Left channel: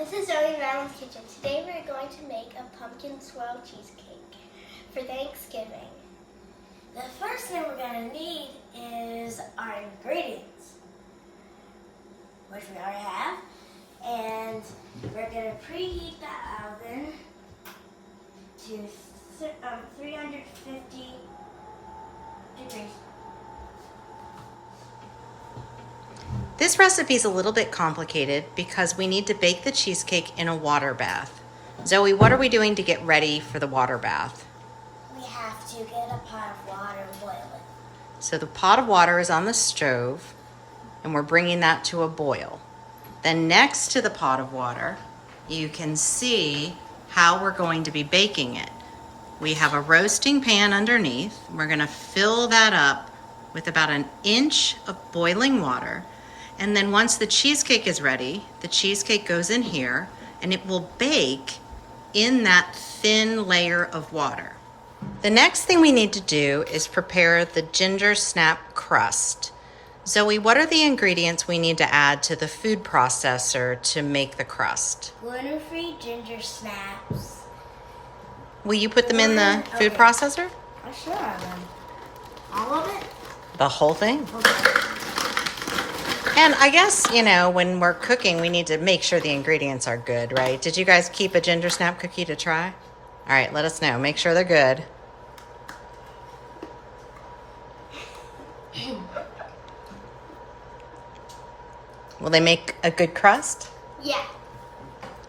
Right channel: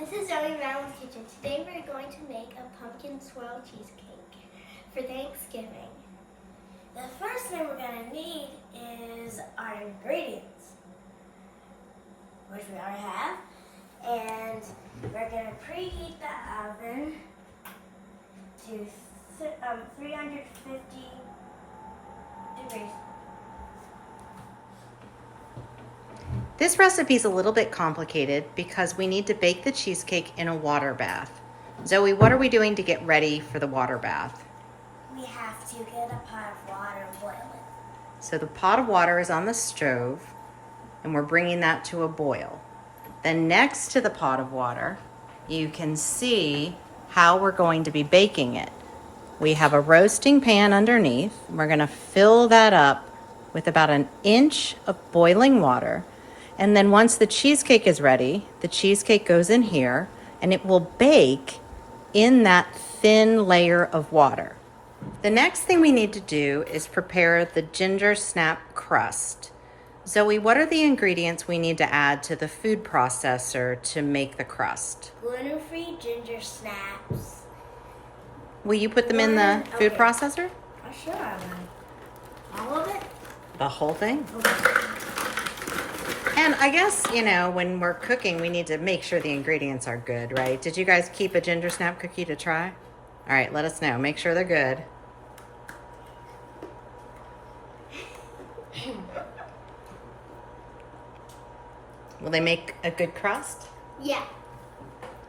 This is Zoe Madeline's Kitchen. Today we're going to make a pumpkin swirl cheesecake for Thanksgiving. The first thing we're going to need is our ingredients, which we already have. And we're going to preheat the oven to 350 degrees. This recipe is a little bit complicated because we need to bake the cheesecake in a water bath. Zoe, what are we doing to get ready for the water bath? We have to get a pot of water and boil it. So the pot of water is on the stove and we're bringing that to a boil. Then next to the pot of water, you can see how we're going to be baking it. We have a roasting pan underneath. We're going to fill that up with about an inch of boiling water. And then once the cheesecake is ready, the cheesecake goes in here and it will bake in that thin layer of water. The next thing we need to do is prepare the ginger snap crust. Zoe, what are the ingredients we need to add to the food processor to make the crust? Gluten-free ginger snaps. Will you put them in the food processor? I'm sure I will. All of it? The whole thing? Okay. And I guess, you know, when we're cooking, we need to make sure the ingredients are good, right? Did you guys keep a ginger snap cookie to try? All right, let us know. Make sure they're good. Will they make a good crust? Yeah.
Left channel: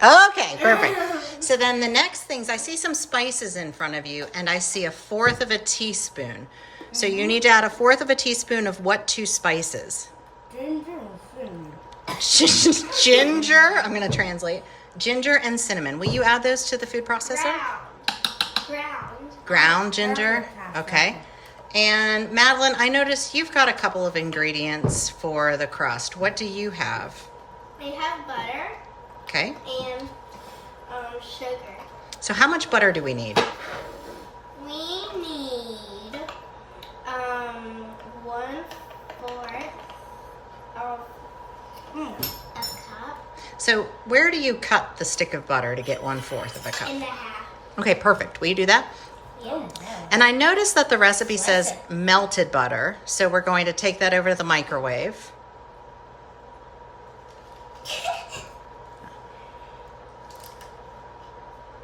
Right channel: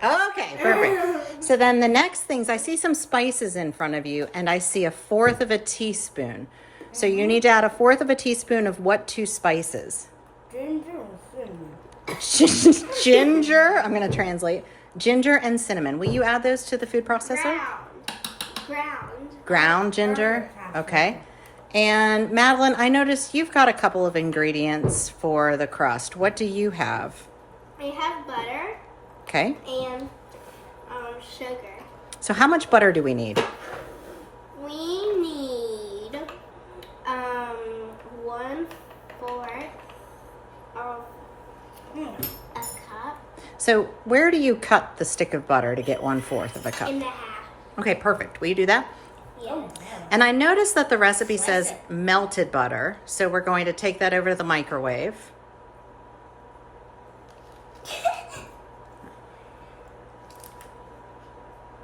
Okay, perfect. So then the next things, I see some spices in front of you, and I see 1/4 of a teaspoon. So you need to add 1/4 of a teaspoon of what two spices? Ginger and cinnamon. Ginger, I'm going to translate. Ginger and cinnamon. Will you add those to the food processor? Ground ginger? Okay. And Madeline, I noticed you've got a couple of ingredients for the crust. What do you have? I have butter. Okay. And sugar. So how much butter do we need? We need 1/4 of a cup. So where do you cut the stick of butter to get 1/4 of a cup? In the half. Okay, perfect. Will you do that? Yeah. And I noticed that the recipe says melted butter. So we're going to take that over to the microwave.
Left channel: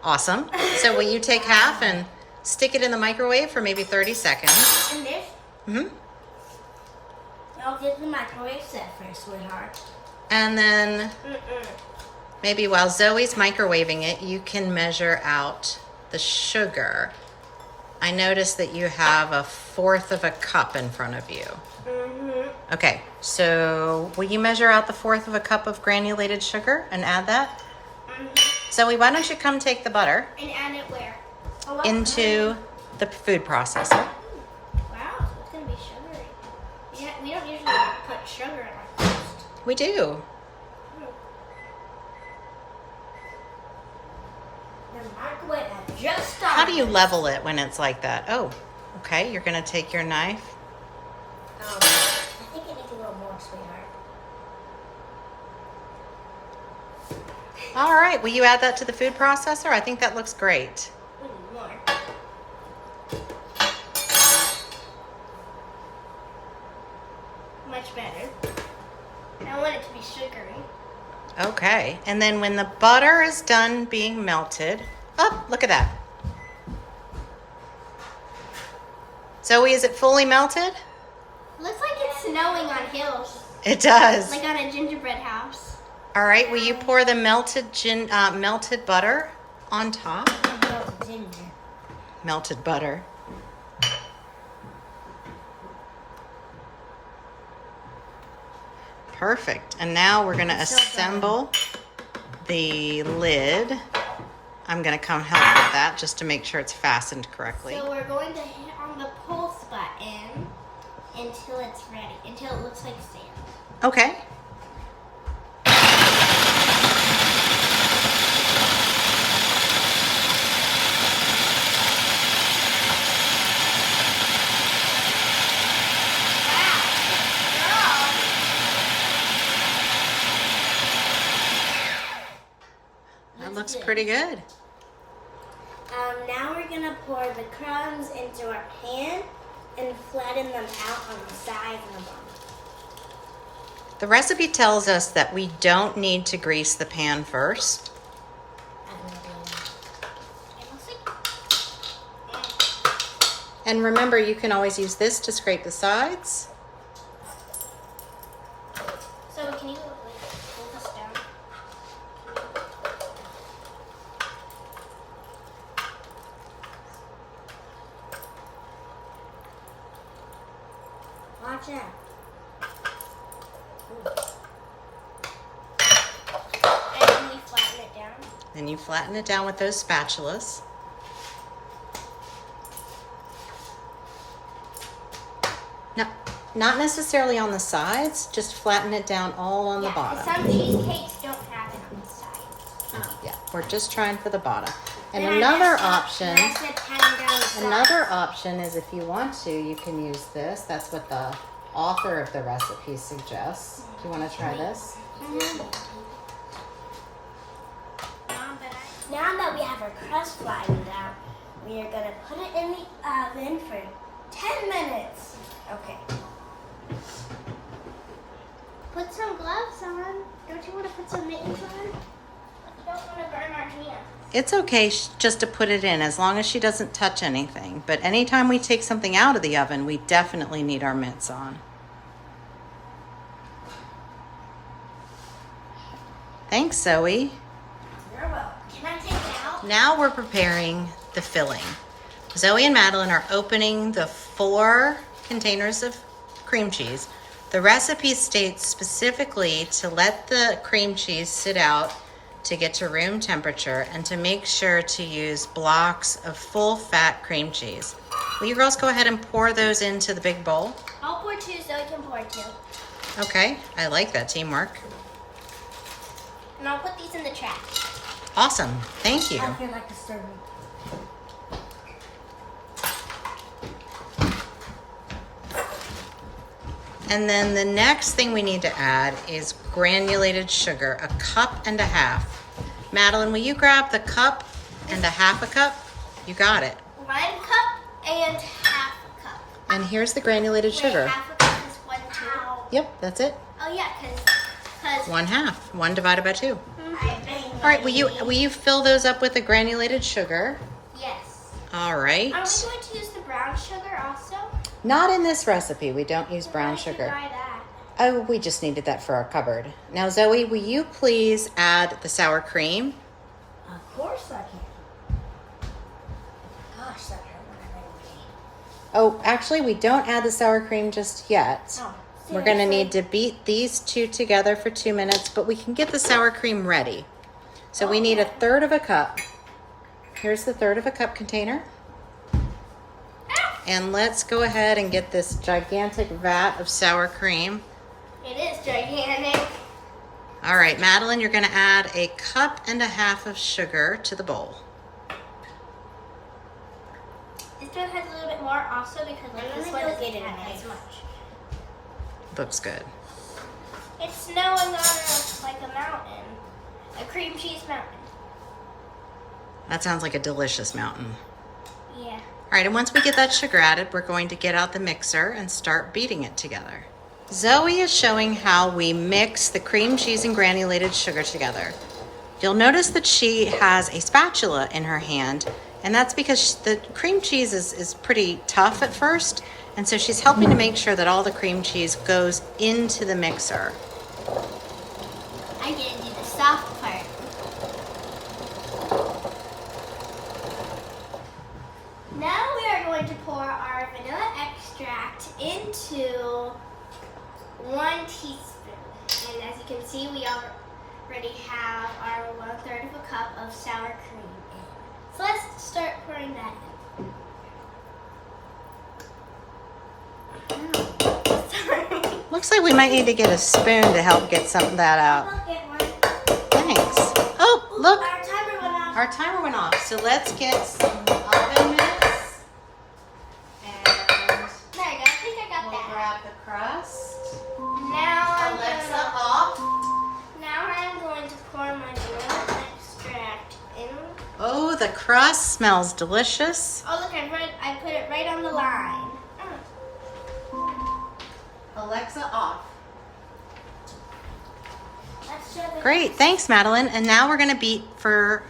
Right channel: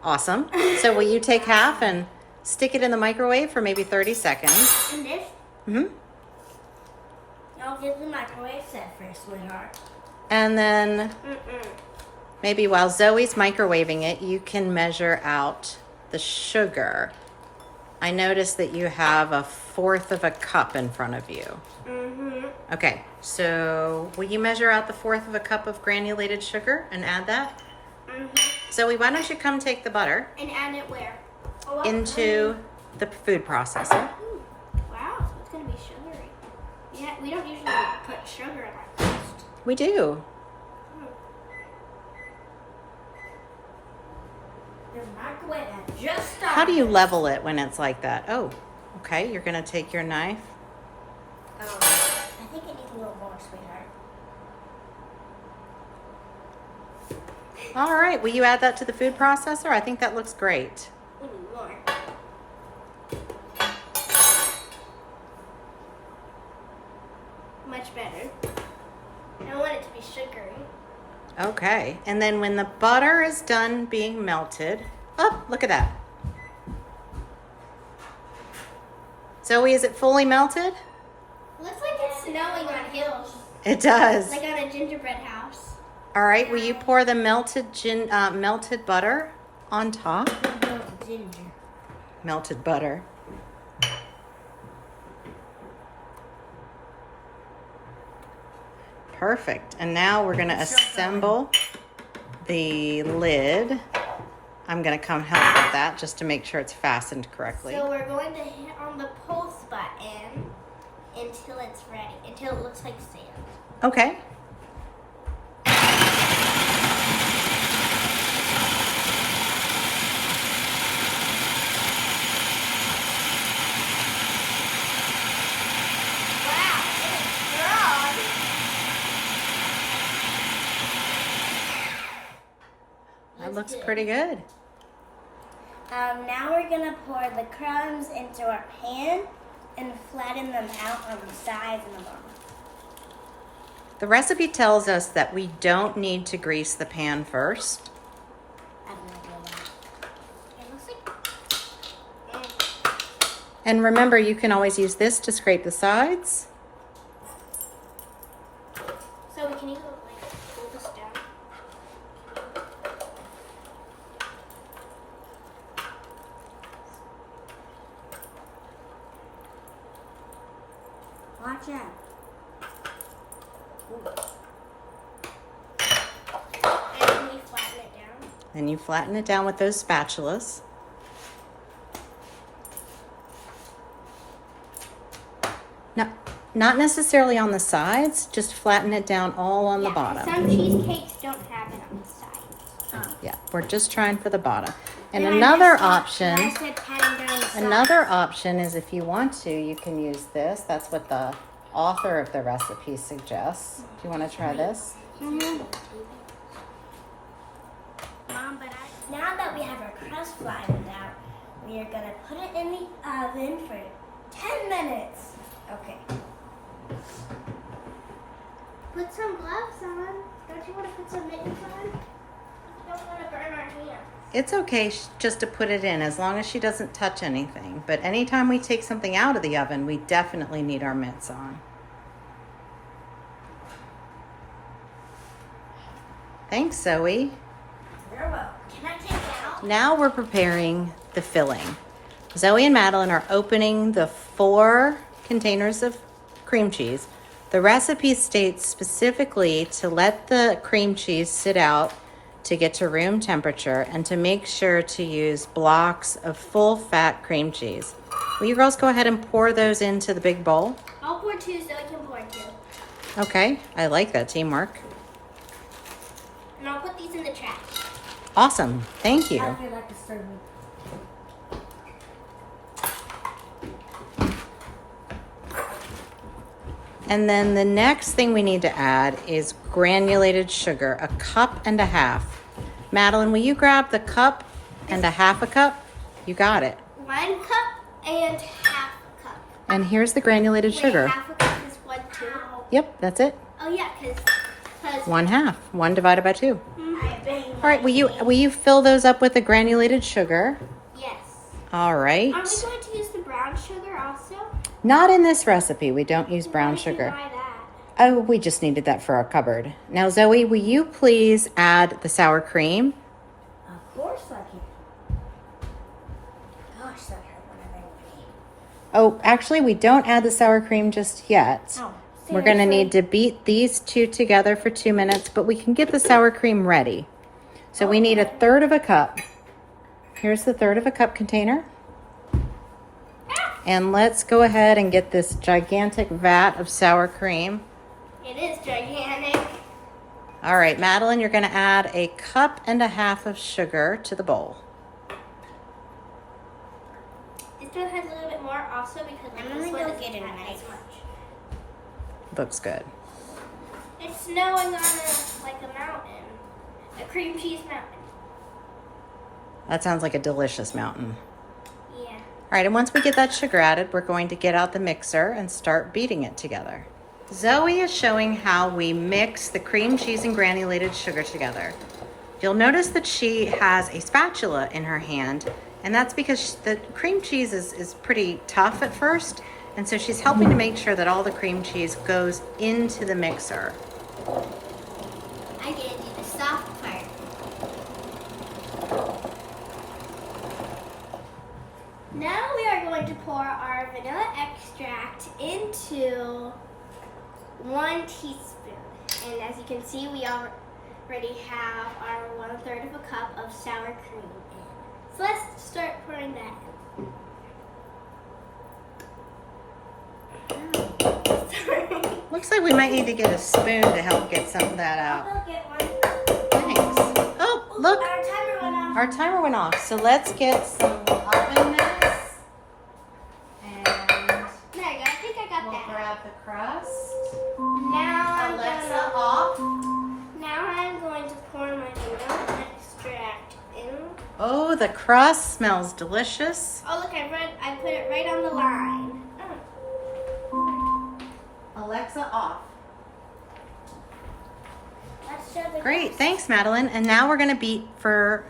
Awesome. So will you take half and stick it in the microwave for maybe 30 seconds? And this? Mm-hmm. I'll get the microwave set first, sweetheart. And then maybe while Zoe's microwaving it, you can measure out the sugar. I noticed that you have 1/4 of a cup in front of you. Mm-hmm. Okay, so will you measure out the 1/4 of a cup of granulated sugar and add that? Mm-hmm. Zoe, why don't you come take the butter And add it where? Oh, into the food processor? Wow, it's going to be sugary. Yeah, we don't usually put sugar in our crust. We do. The microwave had just started. How do you level it when it's like that? Oh, okay, you're gonna take your knife. I think it needs a little more, sweetheart. All right, will you add that to the food processor? I think that looks great. We need more. Much better. I want it to be sugary. Okay, and then when the butter is done being melted, oh, look at that. Zoe, is it fully melted? Looks like it's snowing on hills. It does. Like on a gingerbread house. All right, will you pour the melted butter on top? Ginger. Melted butter. Perfect. And now we're going to assemble the lid. I'm going to come help with that just to make sure it's fastened correctly. So we're going to hit on the pulse button until it's ready, until it looks like sand. Okay. That looks pretty good. Now we're gonna pour the crumbs into our pan and flatten them out on the sides and the bottom. The recipe tells us that we don't need to grease the pan first. I have no idea why. It looks like. And remember, you can always use this to scrape the sides. So can you like pull this down? Watch out. And then we flatten it down. Then you flatten it down with those spatulas. No, not necessarily on the sides, just flatten it down all on the bottom. Some cheesecakes don't have it on the sides. Yeah, we're just trying for the bottom. And I another messed up option, when I said patting down the sides. another option is if you want to, you can use this. That's what the author of the recipe suggests. Do you want to try this? Mm-hmm. Now that we have our crust flattened out, we are going to put it in the oven for 10 minutes. Okay. Put some gloves on. Don't you want to put some mittens on? I don't want to burn our hands. It's okay just to put it in as long as she doesn't touch anything. But anytime we take something out of the oven, we definitely need our mitts on. Thanks, Zoe. You're welcome. Can I take it out? Now we're preparing the filling. Zoe and Madeline are opening the 4 containers of cream cheese. The recipe states specifically to let the cream cheese sit out to get to room temperature and to make sure to use blocks of full fat cream cheese. Will you girls go ahead and pour those into the big bowl? I'll pour 2 so I can pour 2. Okay, I like that teamwork. And I'll put these in the trash. Awesome, thank you. I feel like a servant. And then the next thing we need to add is granulated sugar, 1.5 cups. Madeline, will you grab the 1.5 cups? You got it. 1 cup and half a cup. And here's the granulated sugar. Wait, half a cup is 1 2. Yep, that's it. Oh yeah, because 1/2. 1 divided by 2. Mm-hmm. All right, will you fill those up with the granulated sugar? Yes. All right. Are we going to use the brown sugar also? Not in this recipe. We don't use brown Why did you sugar. buy that? Oh, we just needed that for our cupboard. Now, Zoe, will you please add the sour cream? Of course I can. Gosh, that hurt when I Oh, actually, we don't add the sour cream just yet. Oh, We're going to need to beat these 2 together for 2 minutes, but we can get the sour cream ready. So we need 1/3 cup. Here's the 1/3 cup container. And let's go ahead and get this gigantic vat of sour cream. It is gigantic. All right, Madeline, you're going to add 1.5 cups of sugar to the bowl. This one has a little bit more also because this one doesn't have as much. Looks good. It's snowing on a mountain. A cream cheese mountain. That sounds like a delicious mountain. Yeah. All right, and once we get that sugar added, we're going to get out the mixer and start beating it together. Zoe is showing how we mix the cream cheese and granulated sugar together. You'll notice that she has a spatula in her hand, and that's because the cream cheese is pretty tough at first, and so she's helping to make sure that all the cream cheese goes into the mixer. I didn't do the soft part. Now we are going to pour our vanilla extract into 1 teaspoon. And as you can see, we already have our 1/3 cup of sour cream in. So let's start pouring that in. Sorry. Looks like we might need to get a spoon to help get some of that out. I'll get one. Thanks. Oh, look, Our timer went off. our timer went off. So let's get some oven mitts. And There you go. I think I got we'll that. grab the crust. Now Alexa off. I'm going to pour my vanilla extract the crust smells delicious. Oh, look, I put it right on the line. Alexa off. Let's show the Great, thanks Madeline. And now we're gonna beat for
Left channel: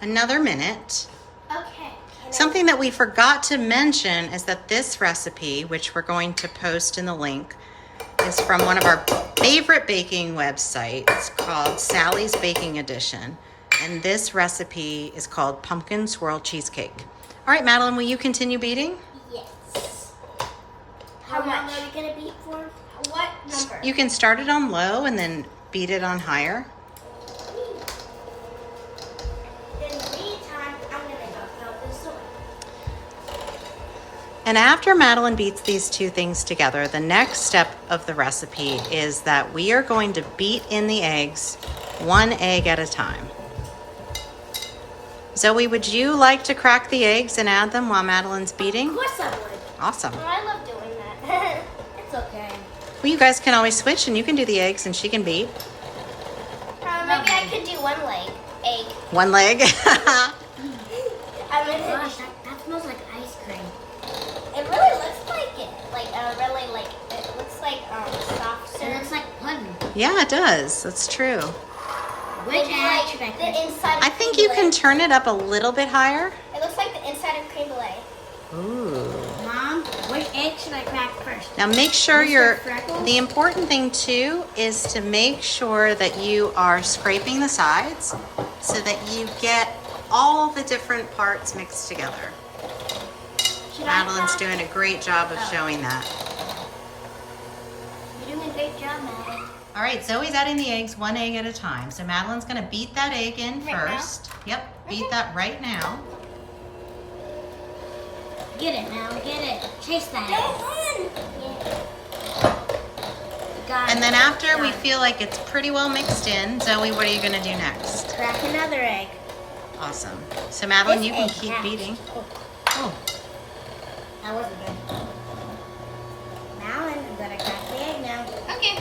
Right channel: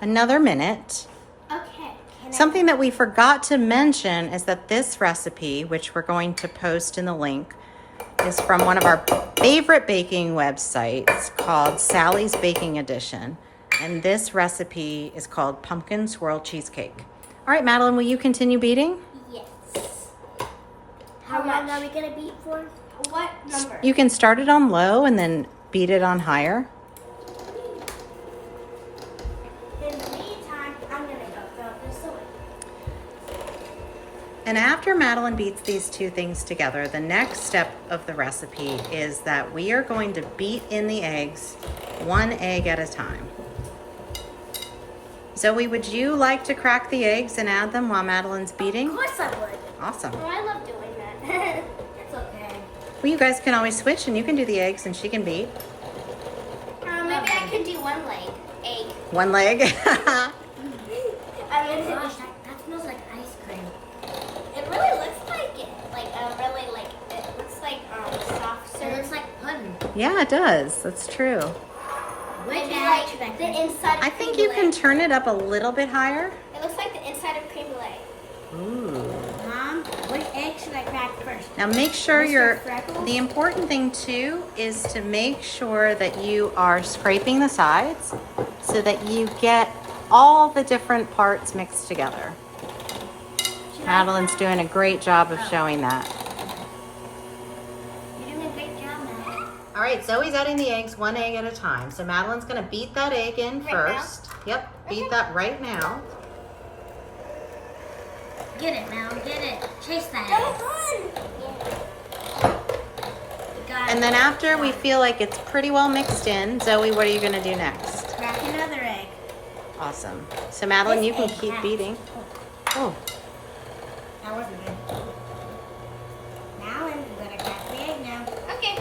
another minute. Okay. Something that we forgot to mention is that this recipe, which we're going to post in the link, is from one of our favorite baking websites called Sally's Baking Edition. And this recipe is called Pumpkin Swirl Cheesecake. All right, Madeline, will you continue beating? Yes. How much am I going to beat for? What number? You can start it on low and then beat it on higher. In the meantime, I'm going to go this away. And after Madeline beats these two things together, the next step of the recipe is that we are going to beat in the eggs, one egg at a time. Zoe, would you like to crack the eggs and add them while Madeline's beating? Of course I would. Awesome. Oh, I love doing that. It's okay. Well, you guys can always switch and you can do the eggs and she can beat. Maybe I could do one egg. One leg. I mean, gosh, that smells like ice cream. It really looks like it. It looks like soft serve. It looks like pudding. Yeah, it does. That's true. Maybe like the inside of I think you can turn it up a little bit higher. It looks like the inside of creme brulee. Ooh. Mom, which egg should I crack first? Now make sure Freckles? the important thing too is to make sure that you are scraping the sides so that you get all the different parts mixed together. Madeline's doing a great job of showing that. You're doing a great job, Mom. All right, Zoe's adding the eggs one egg at a time. So Madeline's gonna beat that egg in Right now? first. Yep, beat that right now. Get it now, get it. Chase that egg. And then after we feel like it's pretty well mixed in, Zoe, what are you gonna do next? Crack another egg. Awesome. So Madeline, This you can egg keep hatched. beating. Oh, That wasn't good. Now I'm gonna crack the egg now. Okay.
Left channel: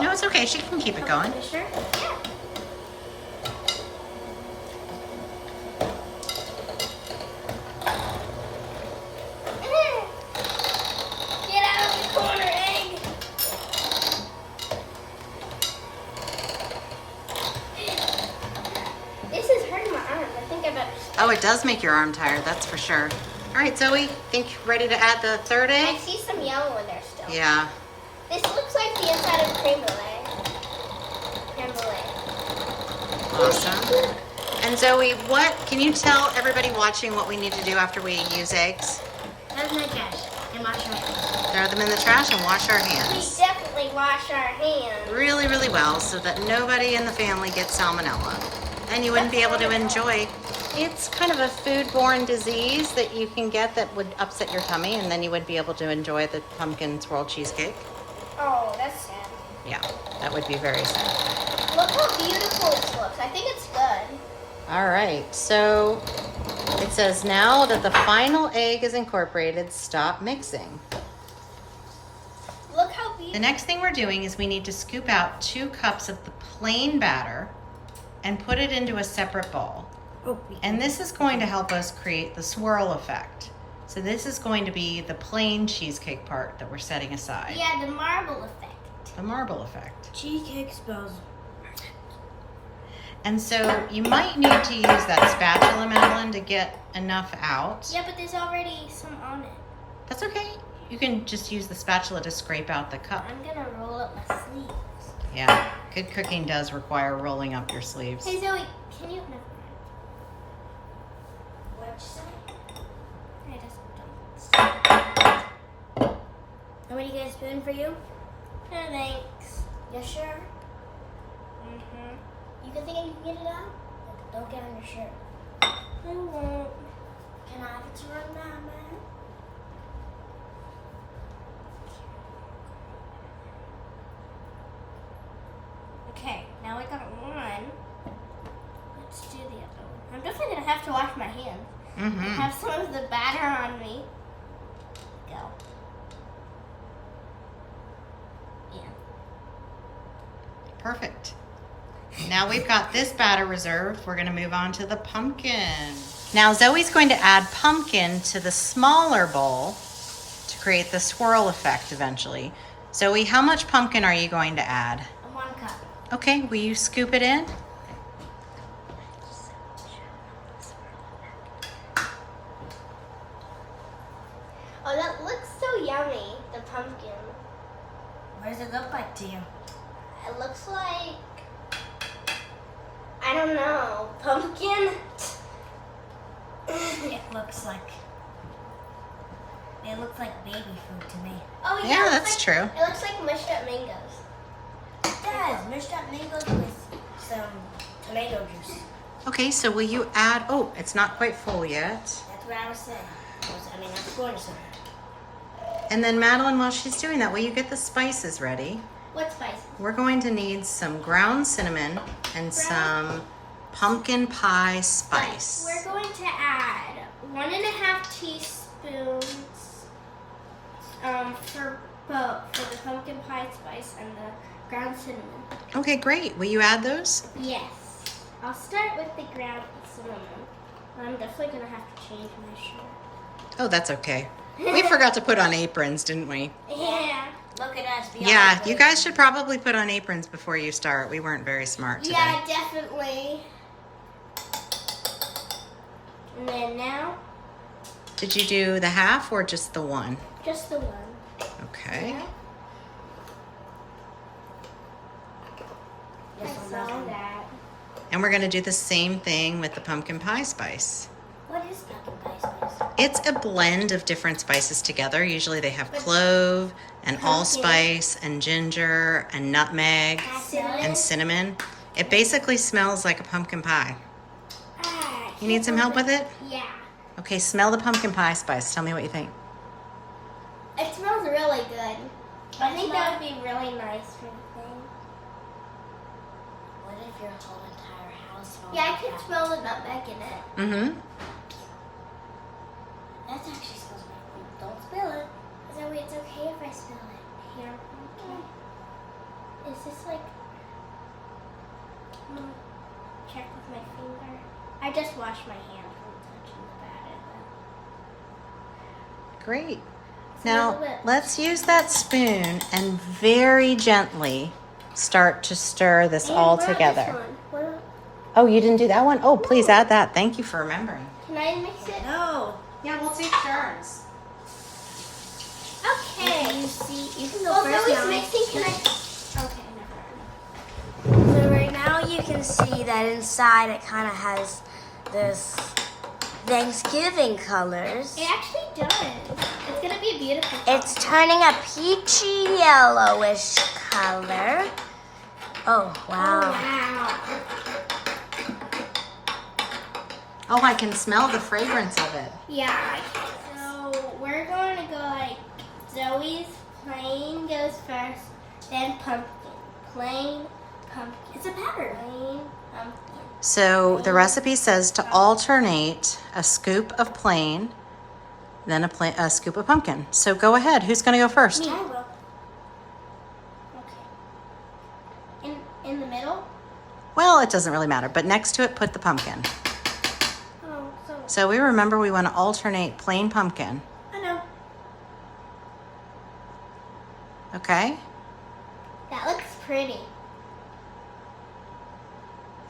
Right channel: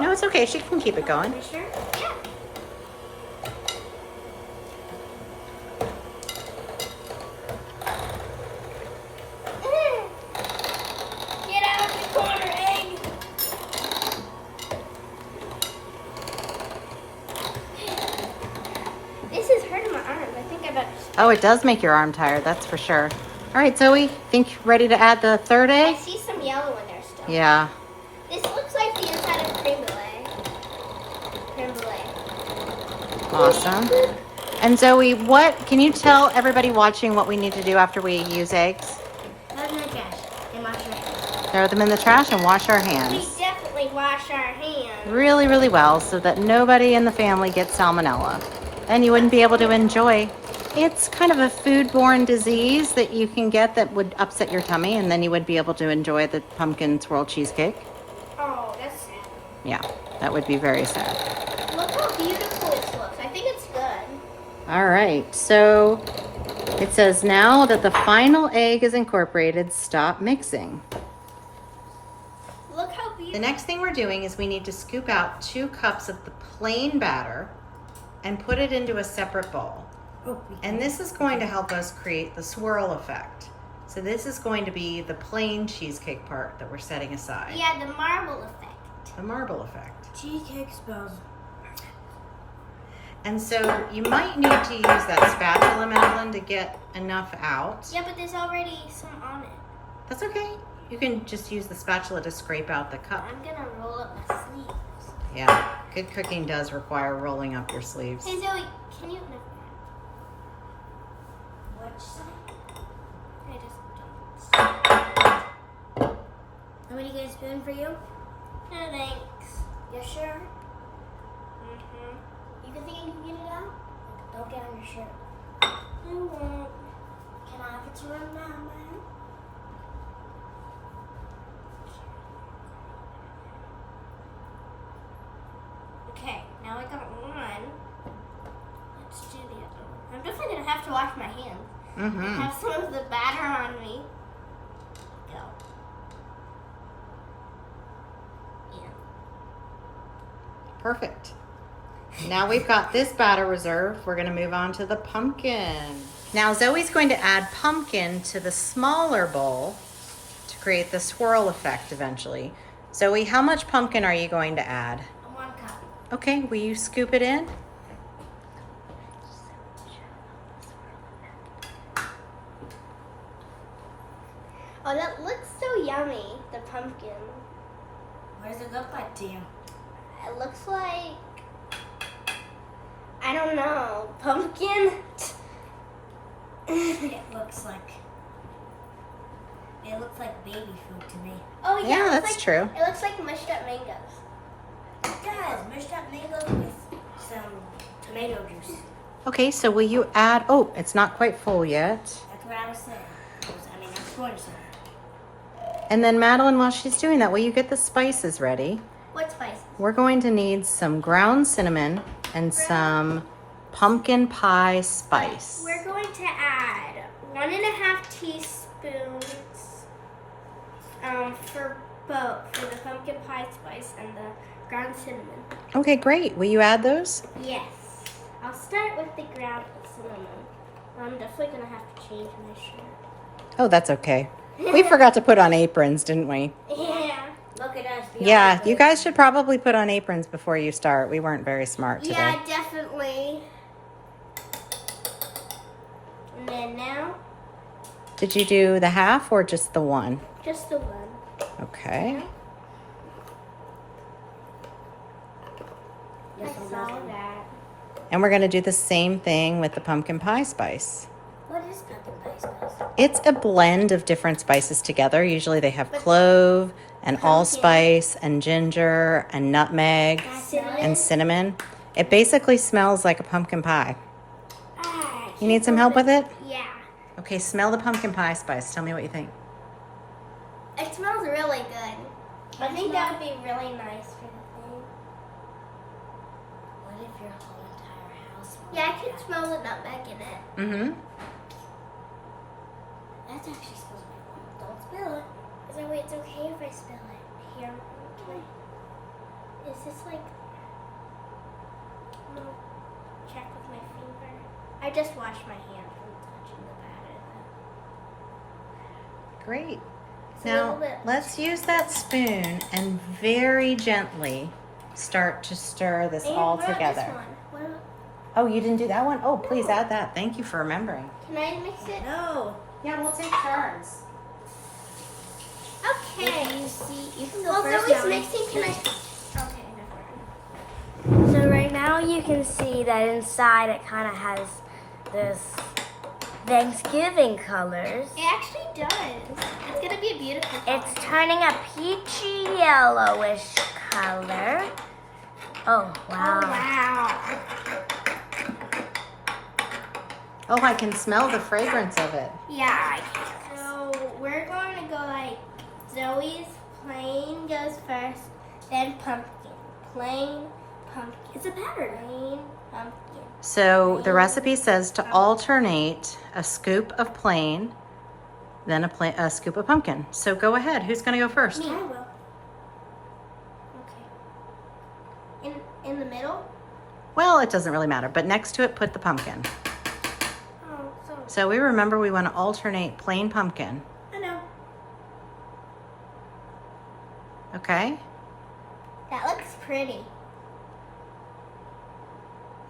no, it's okay. She can keep it going. You sure? Yeah. Get out of the corner, egg. This is hurting my arm. I think I better. Oh, it does make your arm tired, that's for sure. All right, Zoe, think you're ready to add the third I egg? see some yellow in there still. Yeah. This looks like the inside of creme brulee. Creme brulee. Awesome. And Zoe, what can you tell everybody watching what we need to do after we use eggs? Have my trash and wash our hands. Throw them in the trash and wash our We hands definitely wash our hands. really, really well so that nobody in the family gets salmonella. Then you wouldn't be able to enjoy. It's kind of a foodborne disease that you can get that would upset your tummy, and then you would be able to enjoy the pumpkin swirl cheesecake. Oh, that's sad. Yeah, that would be very sad. Look how beautiful this looks. I think it's good. All right, so it says now that the final egg is incorporated, stop mixing. Look how beautiful. The next thing we're doing is we need to scoop out 2 cups of the plain batter and put it into a separate bowl. And this is going to help us create the swirl effect. So this is going to be the plain cheesecake part that we're setting aside. Yeah, the marble effect. The marble effect. Cheesecake spells. And so you might need to use that spatula, Madeline, to get enough out. Yeah, but there's already some on it. That's okay. You can just use the spatula to scrape out the cup. I'm gonna roll up my sleeves. Yeah, good cooking does require rolling up your sleeves. Hey Zoe, can you? No. What'd you say? I just don't. Want me to get a spoon for you? No, thanks. You sure? Mm-hmm. You can think you can get it out? Don't get on your shirt. I won't. Can I have it to run now, man? Okay, now we got one. Let's do the other one. I'm definitely gonna have to wash my hands. I Mm-hmm. have some of the batter on me. Go. Yeah. Perfect. Now we've got this batter reserved. We're gonna move on to the pumpkin. Now Zoe's going to add pumpkin to the smaller bowl to create the swirl effect eventually. Zoe, how much pumpkin are you going to add? 1 cup. Okay, will you scoop it in? Oh, that looks so yummy, the pumpkin. What does it look like to you? It looks like, I don't know, pumpkin? It looks like baby food to me. Oh yeah, Yeah, it looks that's like, true. It looks like mushed up mangoes. It does. Mashed up mangoes with some tomato juice. Okay, so will you add, oh, it's not quite full yet. That's what I was saying. I was going to say that. And then Madeline, while she's doing that, will you get the spices ready? What spices? We're going to need some ground cinnamon and some pumpkin pie spice. We're going to add 1.5 teaspoons for both, for the pumpkin pie spice and the ground cinnamon. Okay, great. Will you add those? Yes. I'll start with the ground cinnamon. I'm definitely going to have to change my shirt. Oh, that's okay. We forgot to put on aprons, didn't we? Yeah. Look at us. Yeah, you guys should probably put on aprons before you start. We weren't very smart today. Yeah, definitely. And then now, Did you do the half or just the one? just the one. Okay. Now, I saw that. And we're going to do the same thing with the pumpkin pie spice. What is pumpkin pie spice? It's a blend of different spices together. Usually they have clove and allspice and ginger and nutmeg and cinnamon. It basically smells like a pumpkin pie. You need some help with it? Yeah. Okay, smell the pumpkin pie spice. Tell me what you think. It smells really good. I think that would be really nice for the thing. What if your whole entire house smells Yeah, I like can that? smell the nutmeg in it. Mm-hmm. That actually smells like don't spill it. So it's okay if I spill it. Here, okay. Is this like? I'm gonna check with my finger. I just washed my hand from touching the batter, though. Great. It's a Now, little bit- let's use that spoon and very gently start to stir this And all what about this together. one? What about- Oh, you didn't do that one? Oh, please add that. Thank you for remembering. Can I mix it? No. Yeah, we'll take turns. Okay. You see, you can go Well, first. Zoe's Mommy. mixing. Can I? Okay, never mind. So right now you can see that inside it kind of has this Thanksgiving colors. It actually does. It's gonna be a beautiful. It's turning a peachy yellowish color. Oh, wow. Wow. Oh, I can smell the fragrance of it. Yeah, I can. So we're going to go like Zoe's plain goes first, then pumpkin. Plain pumpkin. It's a pattern. Plain pumpkin. So the recipe says to alternate a scoop of plain, then a scoop of pumpkin. So go ahead. Who's going to go first? Me. I will. Okay. In the middle? Well, it doesn't really matter, but next to it, put the pumpkin. Oh, so So we remember we want to alternate plain pumpkin. I know. Okay? That looks pretty.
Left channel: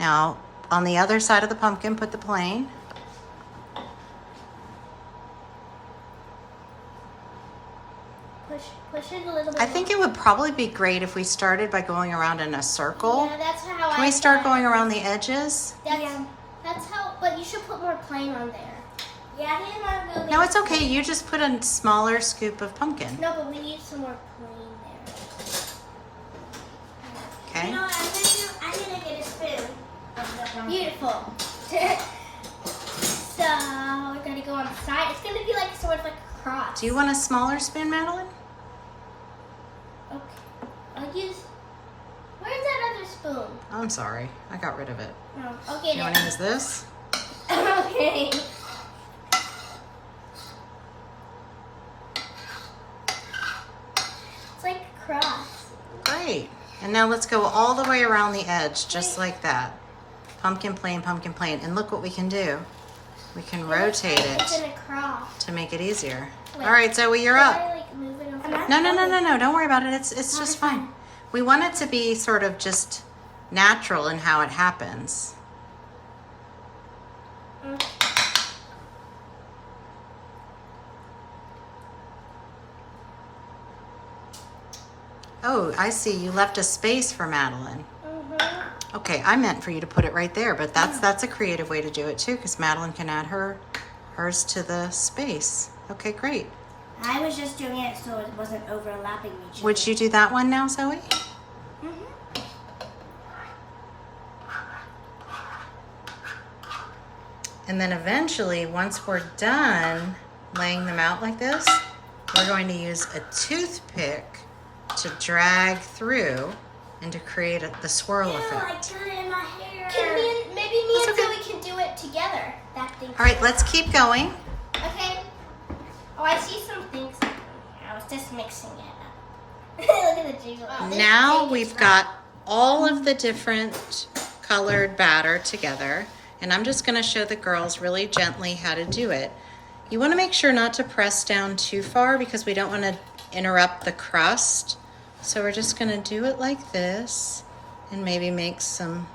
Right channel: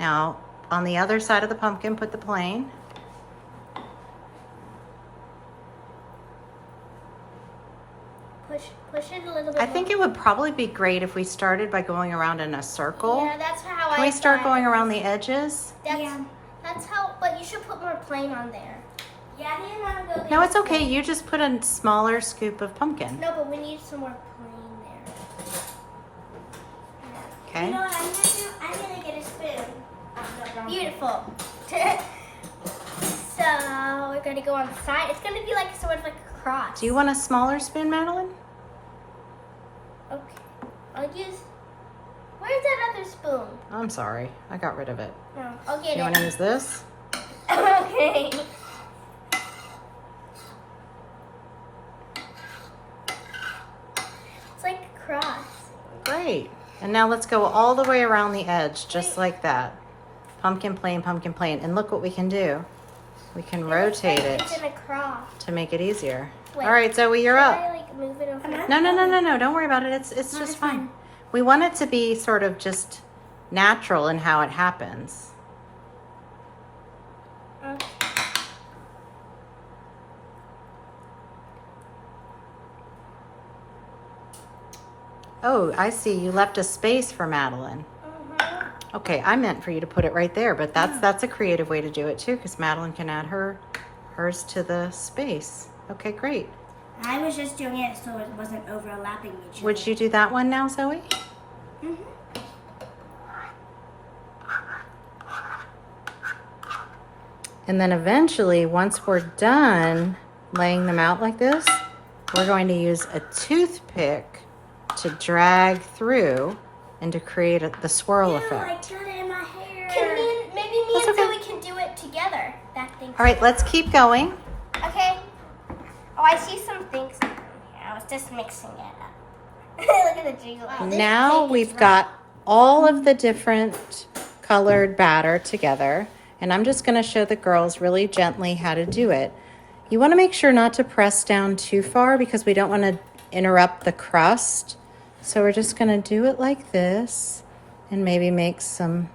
Now, on the other side of the pumpkin, put the plain. Push it a little bit. I think it would probably be great if we started by going around in a circle. Yeah, that's how I. Can we start thought. going around the edges? That's how. But you should put more plain on there. Yeah, I didn't want to go. No, it's okay. You just put a smaller scoop of pumpkin. No, but we need some more plain there. Okay? You know what? I'm gonna get a spoon. Beautiful. So we're gonna go on the side. It's gonna be like sort of like a cross. Do you want a smaller spoon, Madeline? Okay. I'll use. Where's that other spoon? I'm sorry. I got rid of it. No. Okay. You want to use this? Okay. It's like a cross. Great. And now let's go all the way around the edge, just like that. Pumpkin plain, and look what we can do. We can rotate It's in it a cross. to make it easier. Wait, All right, Zoe, you're Can up. I like move it over? No, don't worry about it. It's just fine. We want it to be sort of just natural in how it happens. Okay. Oh, I see. You left a space for Madeline. Okay, I meant for you to put it right there, but that's a creative way to do it too, because Madeline can add hers to the space. Okay, great. I was just doing it so it wasn't overlapping each other. Would you do that one now, Zoe? And then eventually, once we're done laying them out like this, we're going to use a toothpick to drag through and to create the swirl effect. I got it in my hair. Maybe me That's and okay. Zoe can do it together. That thing. All right, let's keep going. Okay. Oh, I see some things. I was just mixing it up. Look at the jiggle. Now we've got all of the different colored batter together, and I'm just going to show the girls really gently how to do it. You want to make sure not to press down too far because we don't want to interrupt the crust. So we're just going to do it like this and maybe make some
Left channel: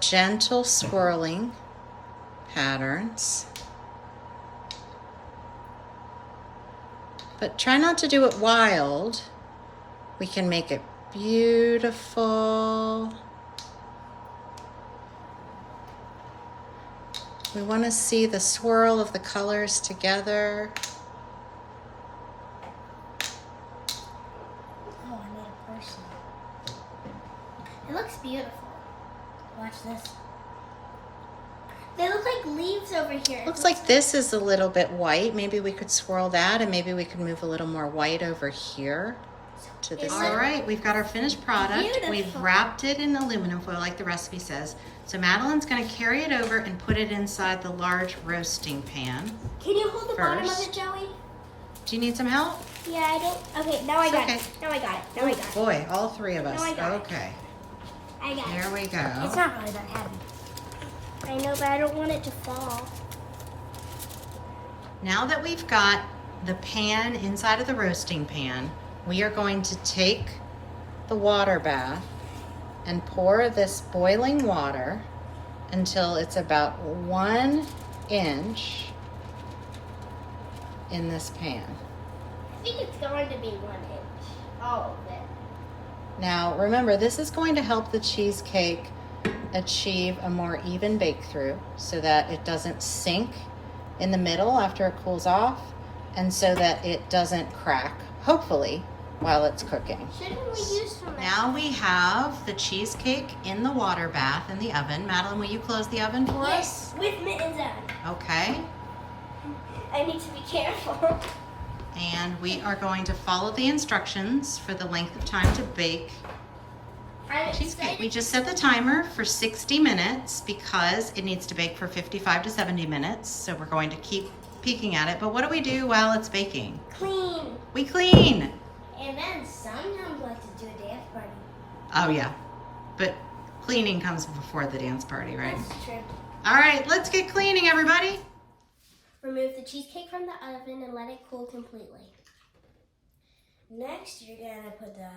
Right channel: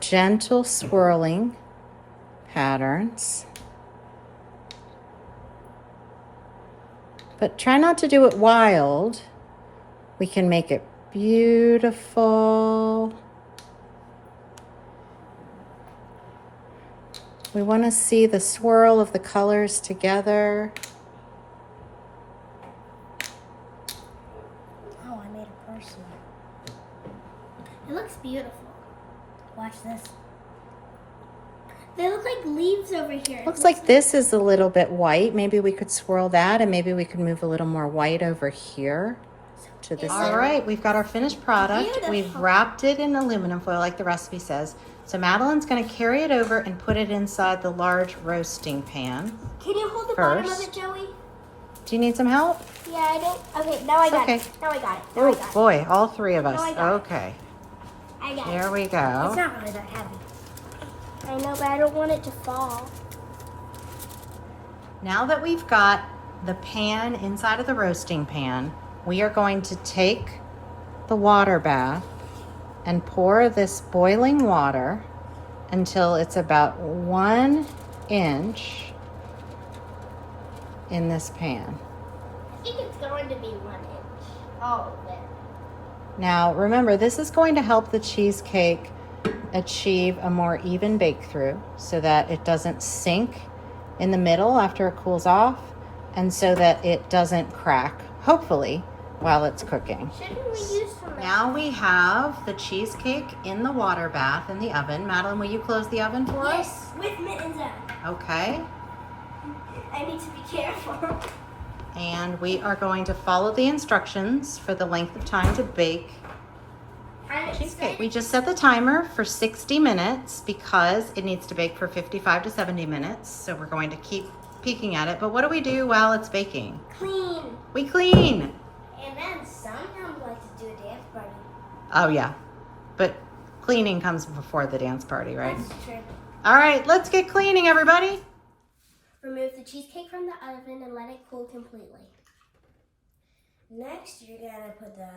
gentle swirling patterns. But try not to do it wild. We can make it beautiful. We want to see the swirl of the colors together. Oh, I made a person. It looks beautiful. Watch this. They look like leaves over here. Looks like this is a little bit white. Maybe we could swirl that, and maybe we could move a little more white over here to this. All right, we've got our finished product. Beautiful. We've wrapped it in aluminum foil like the recipe says. So Madeline's going to carry it over and put it inside the large roasting pan. Can you hold the bottom of First. it, Joey? Do you need some help? Yeah, I don't. Okay, now I got Okay. it. Now I got it. Now I got it. Boy, all three of us. No, I got it. Okay, I got there it. we It's go. not really that heavy. I know, but I don't want it to fall. Now that we've got the pan inside of the roasting pan, we are going to take the water bath and pour this boiling water until it's about 1 inch in this pan. I think it's going to be 1 inch. Oh, there. Now remember, this is going to help the cheesecake achieve a more even bake through so that it doesn't sink in the middle after it cools off, and so that it doesn't crack, hopefully, while it's cooking. Shouldn't we use some? Now we have the cheesecake in the water bath in the oven. Madeline, will you close the oven for us? Yes, with mittens on. Okay. I need to be careful. And we are going to follow the instructions for the length of time to bake cheesecake. We just set the timer for 60 minutes because it needs to bake for 55 to 70 minutes. So we're going to keep peeking at it. But what do we do while it's baking? Clean. We clean. And then sometimes we like to do a dance party. Oh yeah, but cleaning comes before the dance party, right? That's true. All right, let's get cleaning, everybody. Remove the cheesecake from the oven and let it cool completely. Next, you're gonna put the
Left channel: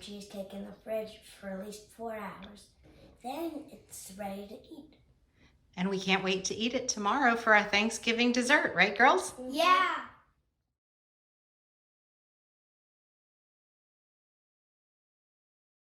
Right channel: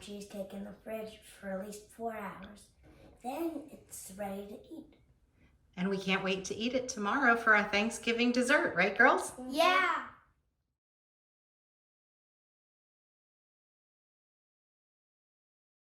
cheesecake in the fridge for at least 4 hours. Then it's ready to eat. And we can't wait to eat it tomorrow for our Thanksgiving dessert, right, girls? Yeah.